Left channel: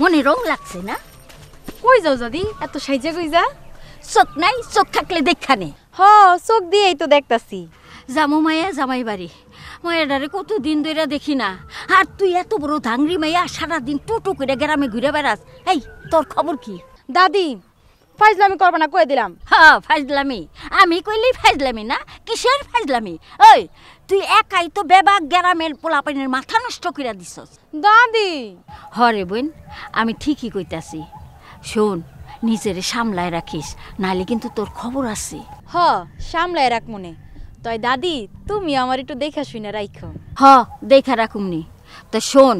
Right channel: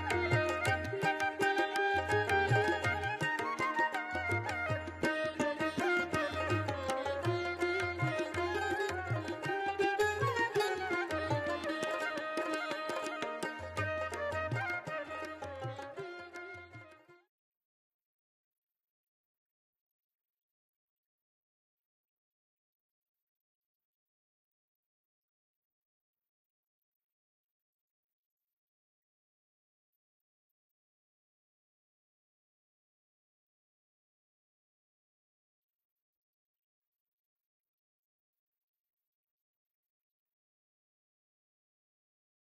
মনে রং লাগছে না? কই যাও দাদি এত সাইজা কই যা? চোখ নাই, চোখ থাকলে দেখানে। হ চোখ দিয়েই তো দেখতাছি। জামু মায়া জামাই বাড়ি, মায়াডারে কতদিন ধরে দেখি না। আর তুই এত বড় ধাংরি মাইয়া সারাদিন টুটু করে গ্রামে ঘুরে বেড়াস। এই তোর খবর কি? দাদি ফাইজলামি করবা না কই দিলাম। হ্যাঁ ফাইজলামি, আমি কইলেই ফাইজলামি না? কিসের ফাইজলামি? ওই তুই একাই তো বেবাক গ্রামের পোলাপানের মাথা নষ্ট করে দিছস। দাদি হরে বোন, আমি ঠিকই কইতাছি। শোন, নিজেরে সামলায় রাখিস, নাহলে কিন্তু তোর খবর আছে। হ সামলায় রাখ মনে। তয় দাদি তুমি আমার একটু দেখা শুনে রাখো। হ দেখা রাখুমনি। তা শোন,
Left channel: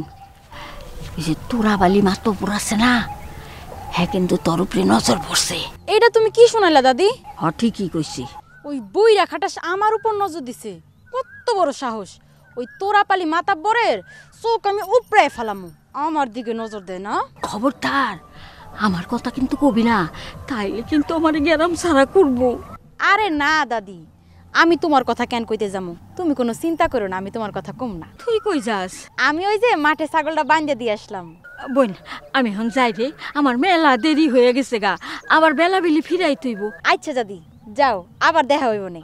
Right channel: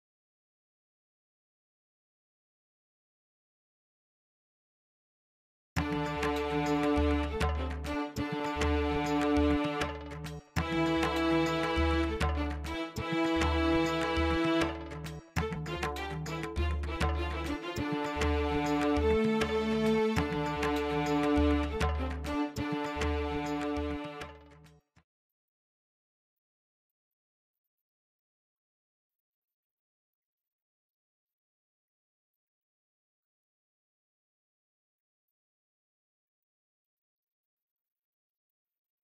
এই যে তোরাবালি মাতপুর আছে না, হ্যাঁ কিন্তু তোর উপরে নজর পড়ছে। এটা তুমি কি শোনালা দাদি? হ ঠিকই কইছি। ওই বইরা খাটাস আমার উপর নজর দিছে। কত বড় সাহস! ওই তোরাপালি মাতাব্বরের চোখ আমি উপড়ায় ফেলাম, আমার দিকে নজর দেয় না। খবরদার আমার কথা কিন্তু কবি না, তাইলে কিন্তু আমার গ্যারাম সারা করবো। আরে না দাদি, আমি তোমার কথা কেন কইতে যাবো? তুমি কোনো চিন্তা করো না, আমি তোমার কথা কম না। তুই কই যাস? আমি ওই যে মাঠে ছাগলটা বাঁধে দিয়ে আসলাম। বোন আমি এখন যাই রে, আমার মেলা দেরি হয়ে গেছে গা, আবার বেলা বেলি ফিরাই তুইব। আচ্ছা দাদি যাও, আবার দেখা হইব না।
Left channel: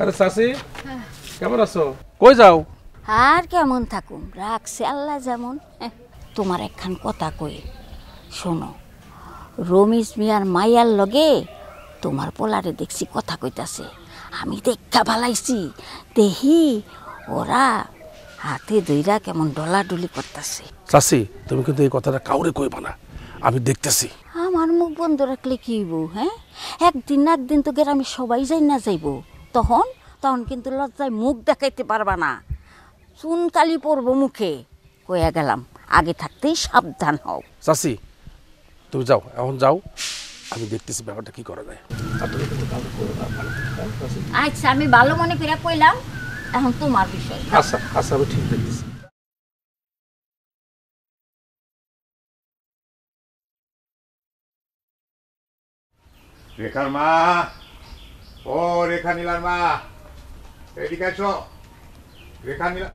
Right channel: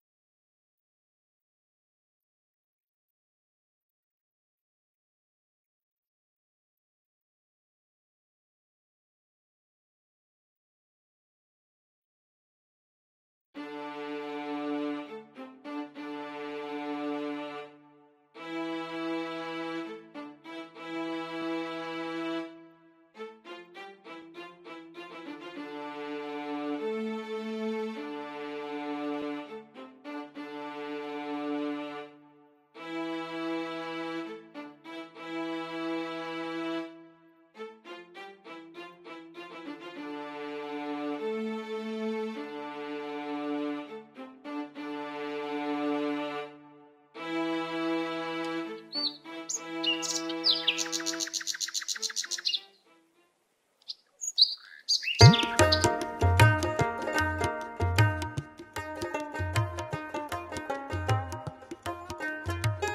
আরে চাচি কেমন আছো? কই যাও? আর কেমন থাকুম, রাখছে আল্লাহ যেমন। তোমার একখান কথা কই শোনো, রমেশ মিয়ার মাইয়ার লগে তোমার পোলারে দেখছি কথা কইতাছে। আমি দেখা ভালাইছি, দেখি ওরা হাতে ধইরা কেমন ডলাডলি করতেছে। চাচি তুমি কিন্তু এই কথাটা কাউরে কইবা না, আমি দেখতেছি। আমার মুখ বন্ধ রাখলে কি হইব? হ্যাঁ, একদিন না একদিন তো গ্রামে সবাই যাই না যাইব, তখন তখন কিন্তু লজ্জায় মুখ দেখাইতে পারবা না, চুনকালি পড়বো মুখে। কইয়া গেলাম, আগে থাকতেই সাবধান হও। চাচি তুমি যাও, এখন যাও, আমি দেখতেছি ব্যাপারটা কি করা যায়। আচ্ছা আমি ভালো মনে করে কইলাম, এখন তোমার বিষয়। আচ্ছা আচ্ছা আমি ঠিক দেখতেছি। রেখার মা, ও রেখা নীলার মা, এদিকে আসো। রেখা নীলা,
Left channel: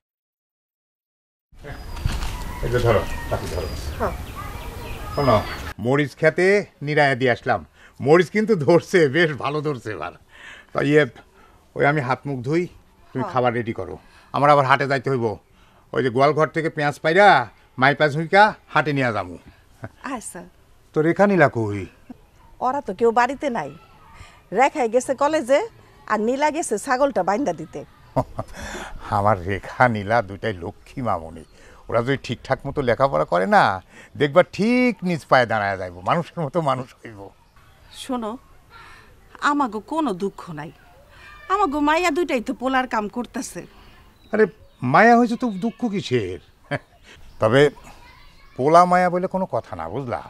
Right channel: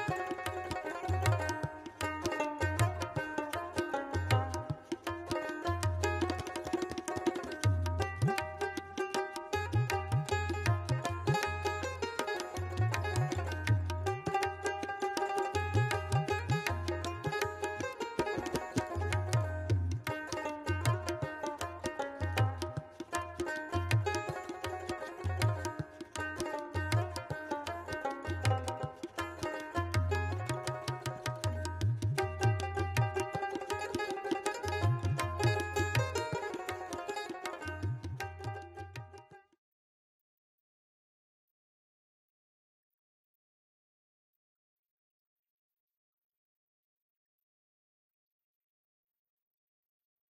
এই যে ধরো, কাকি ধরো। শোনো, মরিচ খেতে নিরায়া দিয়ে আসলাম। মরিচ কিন্তু ধরছে, বেশ ভালো ধরছে এবার। তাই ওই আমি হাত মুখ ধুই, তুমি খাবার রেডি করো। আমার আবার হাটে যাইতে হইব। ওই যে গোয়ালঘর থেকে পেঁয়াজ পাইরা মাইপা ঝুঁকা হাটে নিয়ে যাবো। আচ্ছা, তো রেখা নীলা কই? ওরা তো কেউ বাড়িতে নাই, রেখাই গেছে কলেজে আর নীলা গেছে ছাগলটা বাইন্দা দিতে। আমার রেখা নীলা দুটাই লক্ষ্মী মামনি। ওরা যদি ঠিকঠাক মতো লেখাপড়া করে না, দেখবা ঠিক নিজ পায়ে দাঁড়ায় যাইব, মানুষের মতো মানুষ হইব। শোনো, আমাগো কোনো দুঃখ নাই, আমাগো মাইয়া দুইটাই তো পোলার কাম করতেছে। আরে মায়া হয়েছে তো দুঃখ কিসের? তবে পোলা মায়া বলে কোনো কথা না, বুঝলা?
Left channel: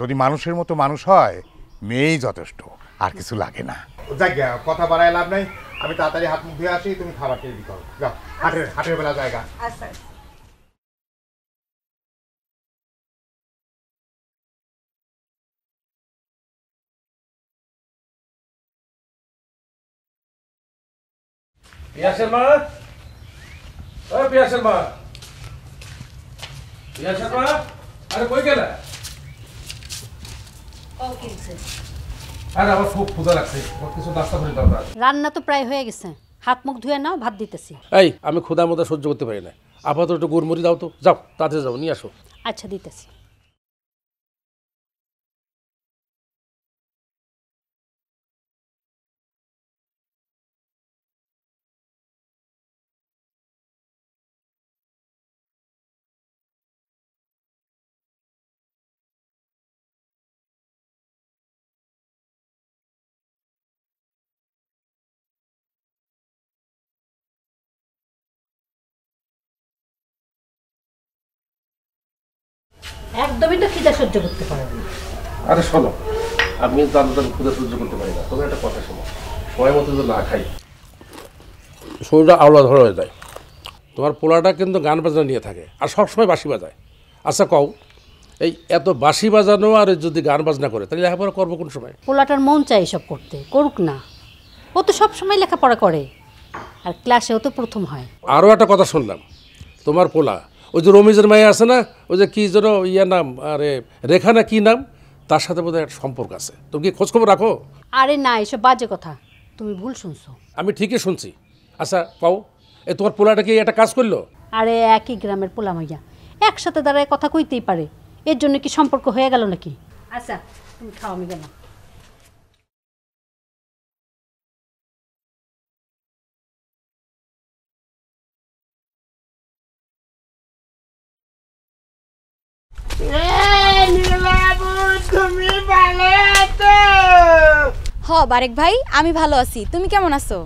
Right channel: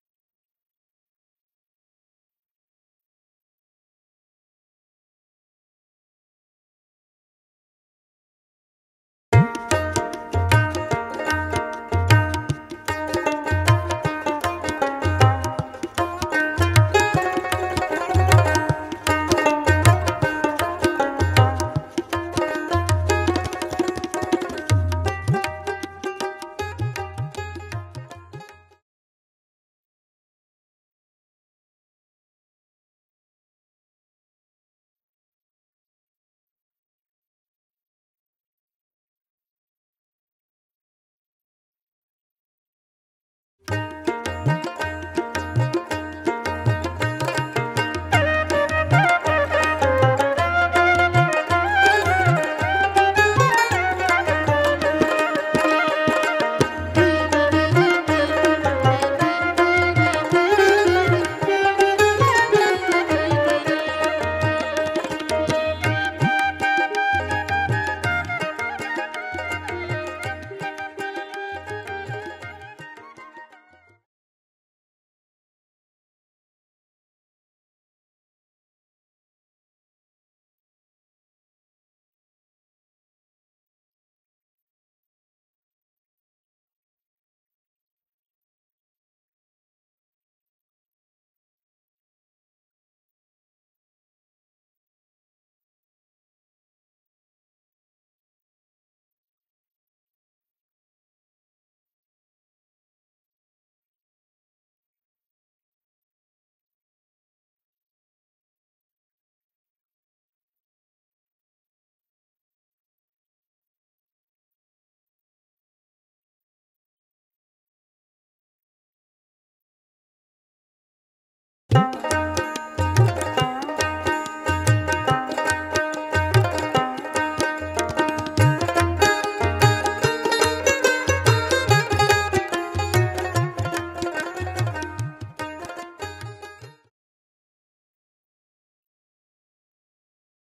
যদি মানুষের মতো মানুষ হয়, মেয়েই যথেষ্ট, আর কিছু লাগে না। যাই গে, কথা বাড়ায় লাভ নাই। আমি তাড়াতাড়ি হাত মুখ ধুয়ে আসি, তুমি খাবার তৈরি করো। যাও, হাটের বেলা জায়গা। ইয়াসের মা, পিয়াসের মা, পিয়াসের মা, আরে কই গেলা? আরে আমার খুব ক্ষুধা লাগছে, কিছু নাস্তা করে দাও না। রান্না তো প্রায় হয়ে গেছে, হাত মুখ ধুয়ে নাও, ভাত দিতেছি। এই আমি ক্ষুধার মধ্যে সহ্য করতে পারি না, আপাতত একটু গুড়মুড়ি দাও তো, যাও তাড়াতাড়ি যাও নিয়ে আসো। আচ্ছা দিতেছি। একদমই তো খিদা সহ্য করতে পারো না। আরে শোনো, আমি দাদা ক্ষুধা সহ্য করতে পারি না, তবে একটা কথা শোনো, সময় মতো যদি না খাই শরীরটা আওলা ধরা হয়ে যায়। তোমার পোলাটা কিন্তু গান বাজনা নিয়ে থাকে আর সবসময় বাঁশি বাজায়। আচ্ছা কও, এই এত বাঁশি বাজানো আর যদি গান বাজনা করে তাহলে লেখাপড়া করবো কোন সময়? পোলাটার মন চাই এসব করতে, করুক না। ও তো সব সময় লেখাপড়া করে আর ক্লাসেও তো প্রথম হয়। আরও একটা কথা শুনলাম, তোমার পোলা ওই যে রমিজের মাইয়া আছে না, ওই যে কী যেন ইয়া নাম, আরে রেখা না কী নাম, তার সাথে বোধহয় একটা সম্পর্ক আছে। তুমি কি খোঁজখবর রাখো? আরে না, এসব বাজে কথা, তুমি ভুল শুনছো। আমি ঠিকই শুনছি। আচ্ছা পাও, এই তোমার পোলাটা কি একটা কাজ করলো? আরে একই গ্রামের পোলা মাইয়া, একসাথে দাঁড়ায় কথা কইতেই পারে, এর জন্য কি সম্পর্ক হয়ে গেল নাকি? আচ্ছা তুমি খাও, আমি গেলাম। বারেক ভাই, আমি ভালো আছি, তুমি কেমন আছো?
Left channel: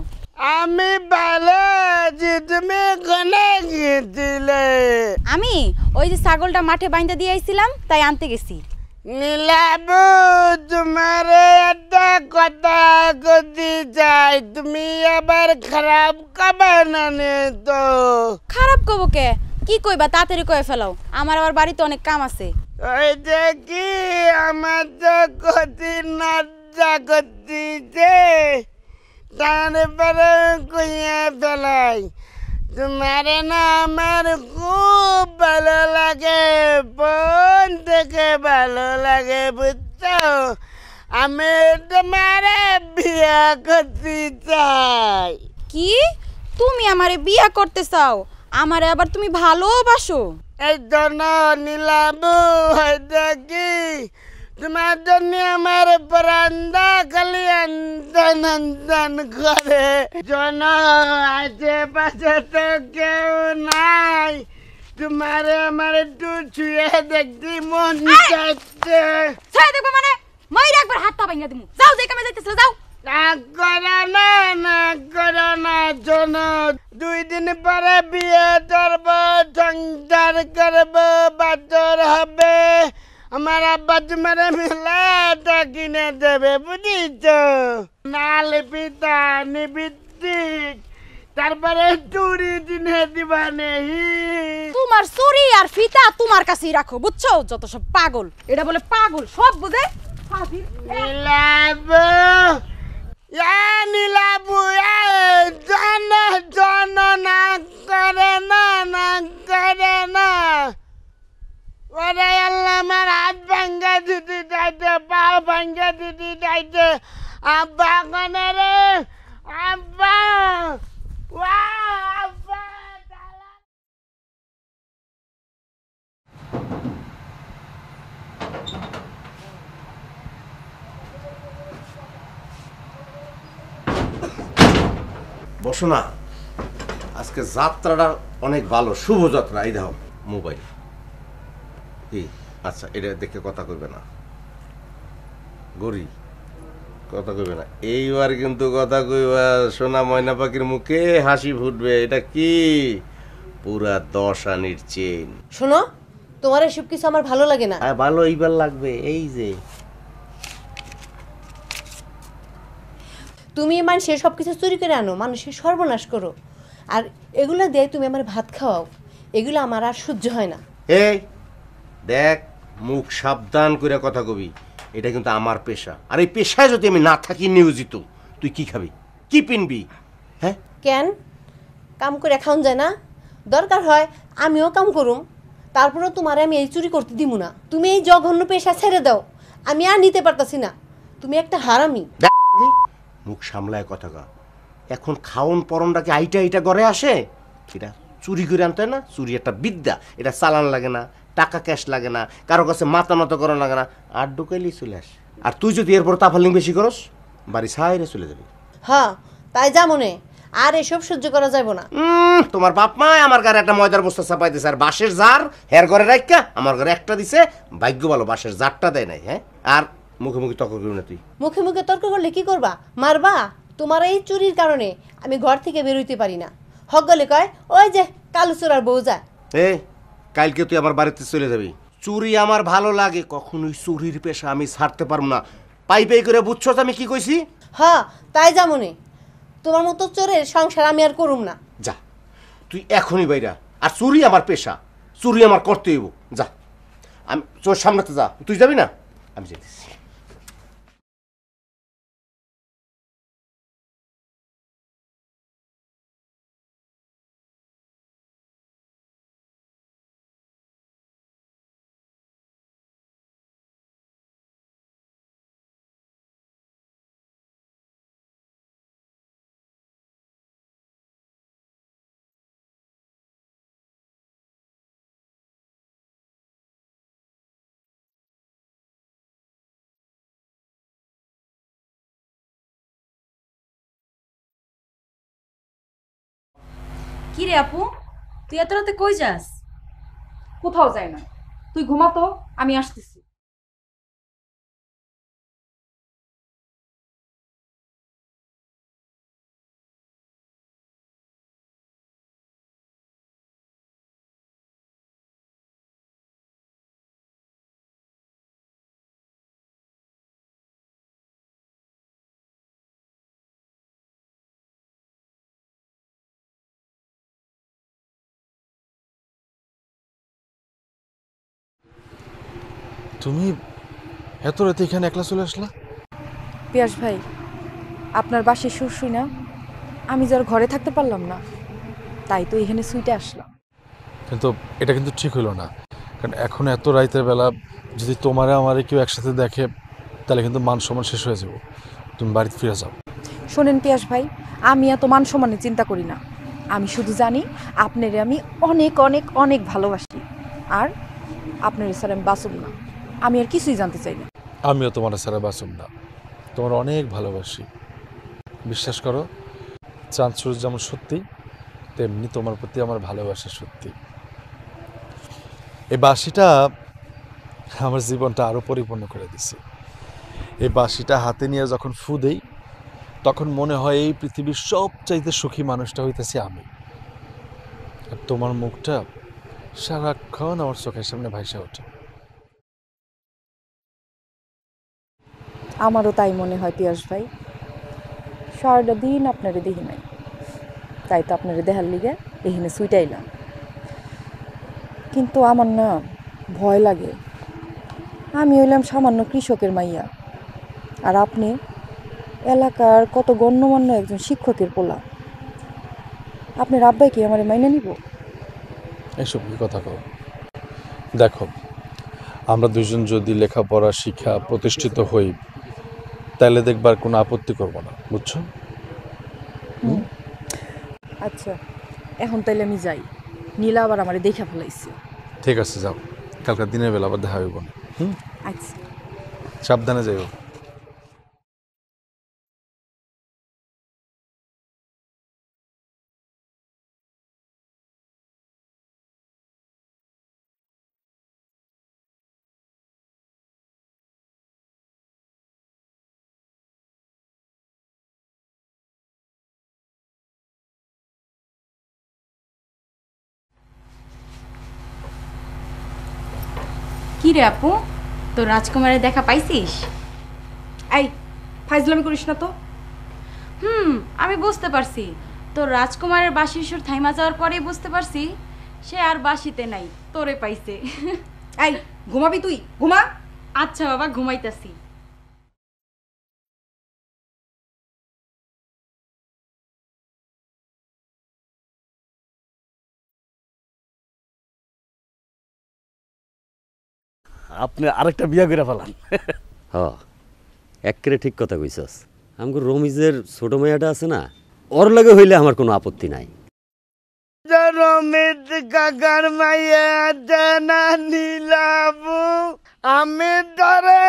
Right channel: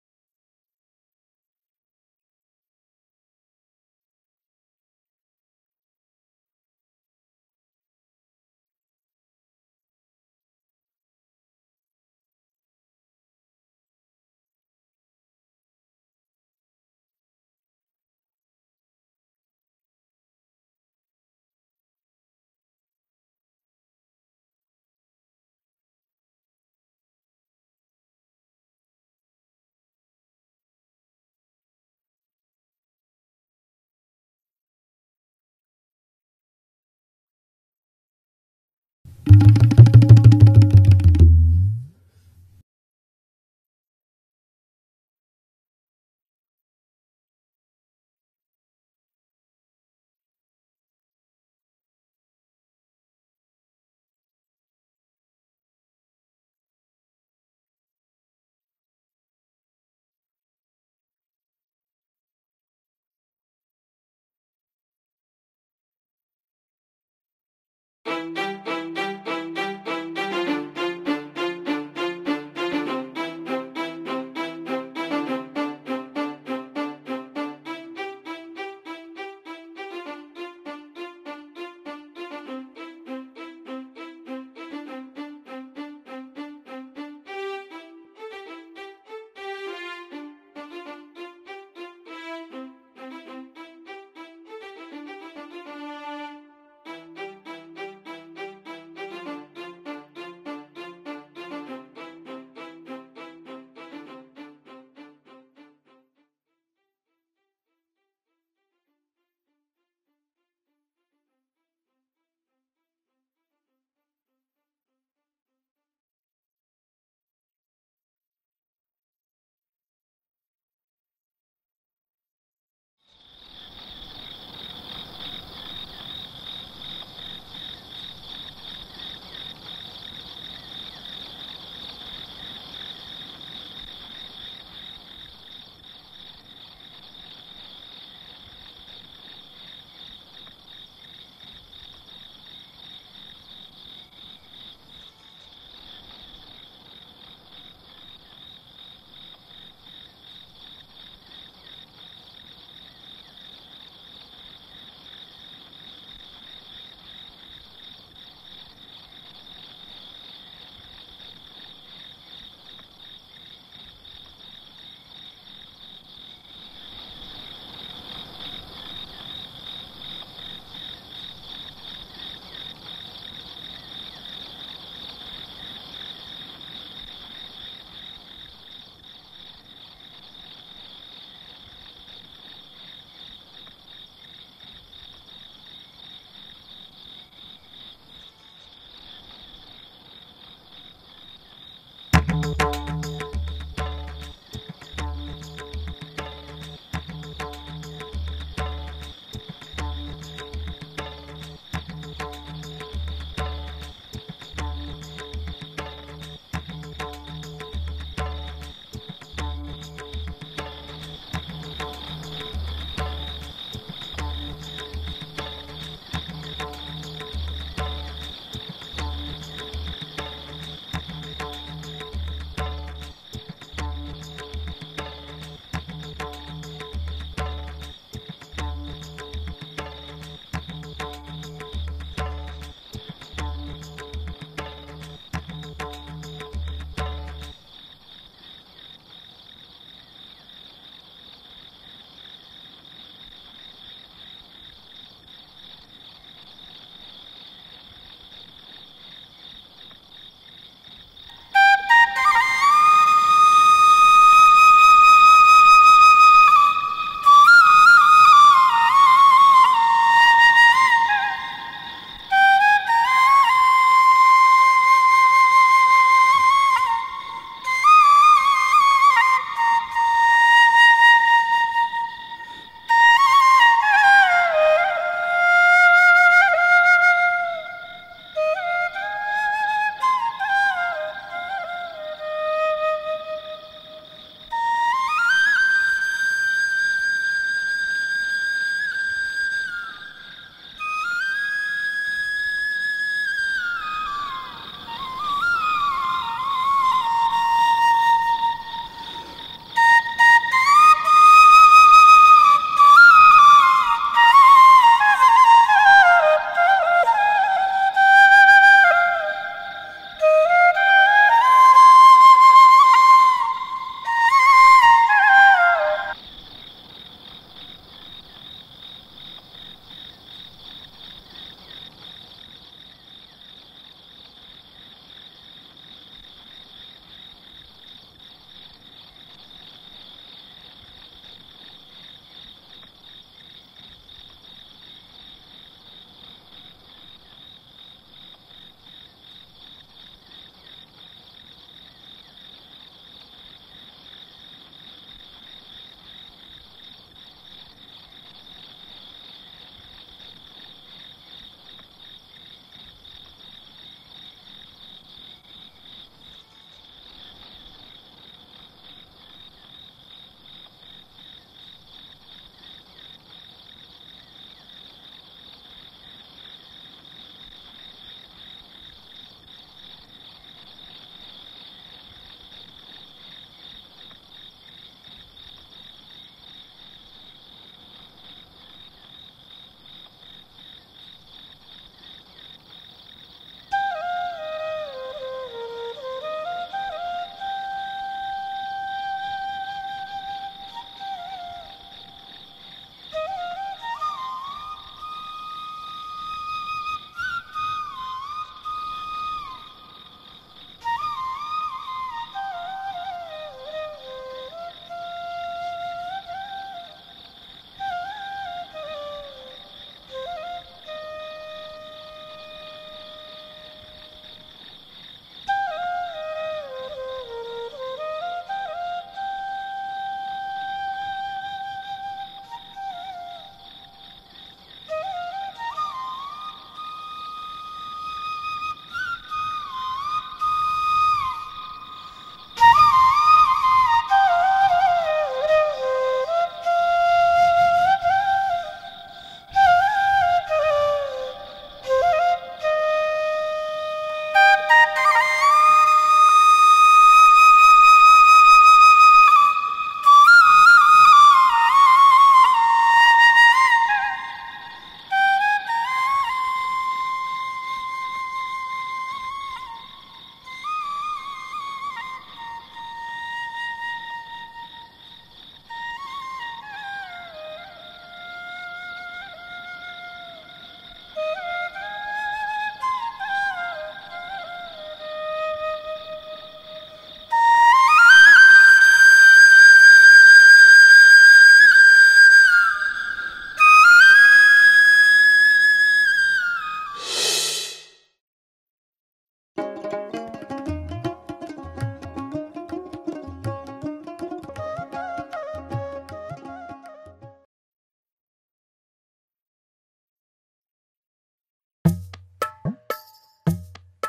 আমি ভালো আছি। তুমি কোনে গেছিলে? আমি ওই যে ছাগলটা মাঠে বাইন্ধা দিয়ে আইছিলাম, তাই আনতে গেছি। নীলাবু, তোমার একটা কথা কইতে চাই, তুমি আবার খারাপ কবে না তো? খারাপ কব কে? কি কইবা, তাড়াতাড়ি কয়ে ফেলাও, আমার আবার বাড়িতে অনেক কাম আছে। ওই দেখি আমার তো ক্ষতি না করতেছে, তারপরে কইয়া ফেলাই। তোমার না আমার খুব ভালো লাগে, বোন থেকে ভালো লাগে, বুঝছো? আমি তোমার বিয়া করতে চাই। কি তুমি আমারে বিয়া করতে চাও? আমারে আবার তুমি ভালোবাসো? এই জন্য নীলাবু, দেখি তোমার জন্য আমার বারান্দা খালি আন্দন আন্দন করে। জন আশেপাশে তো কেউ নাই, তোমার আমার একটু ছুঁয়ে দেখতে মন যাচ্ছে। ছেড়ে দেখো মানে মাইরা একবার হাত পা ভাঙিয়ে দিই। যাও, দেখে আমি যাইতেছিল, যাও। না করো না, না করো না। জন 2 দিন পরে বিয়ে করবো, সংসার করবো, বাচ্চার হবে। আমার আব্বা তোমার মেলাটা কিনে দেবে, বুঝিস? নাল পিতা নিবৃত্তি, তারপরে চুরি দিনে দিবা নেই। তোমার চুরি আর ফিতা তোমার কাছেই রাখো, বুঝছো? যত সব পাগল, এটা বলে পাগল, সব বুঝে। নীলাবু, নীলাবু, জন জন না করে না, না করে না। ওরে আল্লাহ, আমার হাত ভাঙ্গা দিতে চাইছে, পা ভাঙ্গা দিতে চাইছে। আব্বা কানে রে, আব্বা, আব্বা। বসো না, আজকে যাত্রাটা অনেক ভালো, শুভ যাত্রা। এই দাও মোবাইল। কি? আচ্ছা, এটা দেখে কথা কইবে না, গরিব কথা কইবে না। এইবার কিন্তু কথা কইবা, সোনা ময়না পাখির মুখে হাসি ফুটবে। এটা কি? পুরা 10 আনির চেন। শোনো, তোমার এসব কিছু আমার ভালো লাগে না। ভালো এইবার লাগবে। এই যে তুমি মানুষের সব কিছু চুরি করে আনো, মানুষের সর্বনাশ করো, আর এগুলো দিয়ে তুমি আমার ভাত খাওয়াও, এগুলো আমার আর সহ্য হয় না। এই দেখ, মুখ সাবধান করে কথা কবি। এটা কিন্তু আমার পেশা, আর এই পেশায় যদি আমি না থাকি নিয়োজিত, তুই কি খাবি, কি পিনবি? হ্যাঁ, কেন কাম করে খাওন যায় না? দরকার হয় আমিও কাম করুম, তারপরেও তোমারে আমি এই চুরি করতে দিব না। তুমি এই জঘন্য পেশা ছেড়ে দাও, আমি আর নিতে পারতাছি না। তুমি একটা হারামি। মুখ সামলায় কথা কর। এখন খাওন পরনটা কি আইটা আইটা ঘরে আসে? এটা চুরি করে আনতে হয় না? চুরি একটা বিদ্যা, এটা চালান লাগে না, টাকা ক্যাশ লাগে না, কারো কাছে মাথা নত করা লাগে না, আর ঢুকাইলেই চলে আসে। আর তুই যদি এরপর তাফালিং বেশি করস, বাড়ি সাইরে চলে যাবে। হ্যাঁ তাই যা মনে, আর এসব সহ্য করা যাবে না। তোমার বাপ মা আমার ঘরে একটা ময়দার বস্তা চাপাই দিছে, আর বাঁশের জার এর ঘরে রাখা আমার ঘরে একটা দিছে। ভাগ্য ভালো বাঁশের জারটা দেয় নাই। হ্যাঁ, আর মুখে মুখে তর্ক করবি না তুই। মুখে মুখে তর্ক করলে কি করবা? মারবা? তোমার এই চুরির কারণে আমি ঘর থেকে বেরোইতে পারি না। হগলে কয় ওই যে কালু চোরার বউ যায়। কালকে তুই আমার বাড়িতে চলে যাবি। চুরি আমার ভালো লাগে, কখনোই চুরির পেশা আমি ছাড়তে পারবো না। পাই পাই করে বুঝছো আমি কি কইছি? হ্যাঁ তাই যা মনে, তোমার মতো চোরের সংসার আমি আর করুম না। যা তুই এখনই বাইরা। আর চুরি আমার পেশা, চুরি আমার করতে হইব। যা, আমি তোর সামনে তো যা। তুই যাবি না? আমি যাই। কি রে আপু, তুই এত রাতে কই যাস? কোথাও যাই না, তুই ঘুমাতো, আমি আসতেছি। তুমি এত রাতে এখানে একলা চলে আসলা? পিয়াস ভাই, আপনার বাসে সুর শুই না, আমি যার ঘরে থাকতে পারলাম না, তাই তো এখানে সুইটে আসলাম। কিন্তু এটা কিন্তু ঠিক হলো না, কারণ এখন এত রাতের বেলা যদি তোমারে আমারে কেউ একসাথে দেখে তাহলে কিন্তু মান সম্মান শেষ হয়ে যাবো। তুমি বাড়িতে ফিরে যাও। শোনেন পিয়াস ভাই, আমি এত মান সম্মানের চিন্তা করি না। আমি শুধু জানি আপনারে আমি অনেক অনেক অনেক ভালোবাসি, আর আপনার স্যার আমি বাঁচব না। আমি আর কিছুই জানতে চাই না। আমিও তোমার ছাড়া বাঁচব না, তোমার অনেক ভালোবাসি। বিশ্বাস করো, চাঁদ সূর্য যেমন সত্যি, তেমনি তোমার প্রতি আমার ভালোবাসা সত্যি। এই বাঁশিটা আমার জীবনটা আরও পরিপূর্ণ করে দিছে। এই বাঁশিটা হাতে নিয়ে যখন ফু দেই, তখন মনে হয় এই পৃথিবীর সবচাইতে সুখী মানুষটা হইতেছি আমি। আর তোমার মুখটা সারাক্ষণ আমার চোখের সামনে ভাইসা ওঠে। আমারও তাই মনে হয় পিয়াস ভাই। সারাটা দিন আপনারে দেখি নাই, তাই তো আপনারে দেখার লিগে এখানে সুইটাইলাম। কিন্তু আমার না ভয় লাগে। আমি হইলাম সামান্য কৃষকের মাইয়া, আর আপনি এলাকার কত গণ্যমান্য একজন শিক্ষকের পোলা। আপনার আব্বাই কি আমার মাইনে নিব? এসব কি কথা কও? দেখো, আমরা দুজন যদি লেখাপড়া শিক্ষা প্রতিষ্ঠিত হই, তাহলে দেখবার কোনো আপত্তি করবো না, বুঝছো? আচ্ছা, এখন তাইলে আমি যাই। নীলা আবার আমারে দেখা ফেলাইছি। ঠিক আছে, যাও। কালকে দিনের বেলা আবার দেখা হইব। আচ্ছা, সাবধানে যাইও। কি রে আপু, তো রাজকুমারের দেখা পাইছিস? এই ফাইজলামি করিস না তো। আমি বুঝতে পারছি, তো রাজকুমারের বাঁশির সুর থাইমা যাওয়ার পরেই বুঝতে পারছি সে আর বাঁশিতে নাই, তোরে পাইছে। এই ঘুমাবি তুই? ঘুমা। আচ্ছা বাবা, ঘুমাইতাছি। আপনি আরেকটা বিয়া করে ফেলান। হ্যাঁ একেবারে ঠিক কথা কইছস। আমগো রমিজের ছোট মেয়েটা আছে না, ওর লাগে হইলে আমার কোনো আপত্তি নাই। রমিত কাকার মাইয়া জানা নীলাবু, আমি ধরে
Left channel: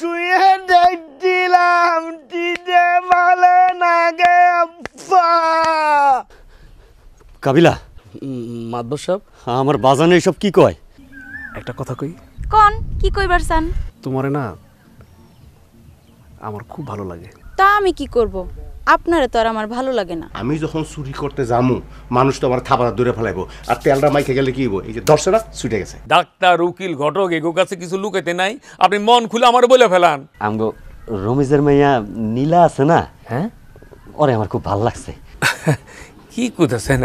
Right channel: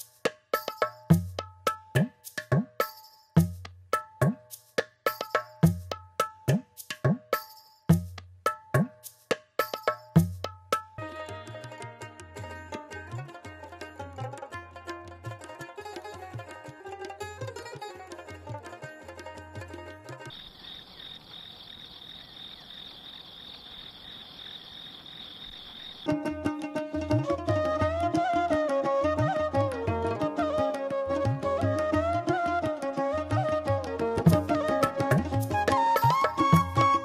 চুয়ে দেখছিলাম চিতে বলে না গে আব্বা। কাবিলা, মাদবর সাহেব, আমার বাজানে এসব কি কয়? একটা কথা কই। কোন কি কইবার চান? তোমারে না আমার খুব ভালো লাগে। তা আমি কি করব? আপনারে তো আর আমার ভালো লাগে না। আমি যখন চুরি করতে যামু মানুষ তো আমার থাবা দূরে ফেলাইবো, আর তেলটা মাইকে গেলে কি হইব? এই যে দর্শনা ছুটে গেছে। ডাক্তার, উকিল, ঘটক এগো কাছে কিছু লুকাতে নাই, আপনি মন খুলে আমার বলে ফেলান। আমগো রমিজের মেয়া নীলা আছে না, হ্যাঁ, ওরে আমার খুব ভালো লাগছে। কি কইতাছেন?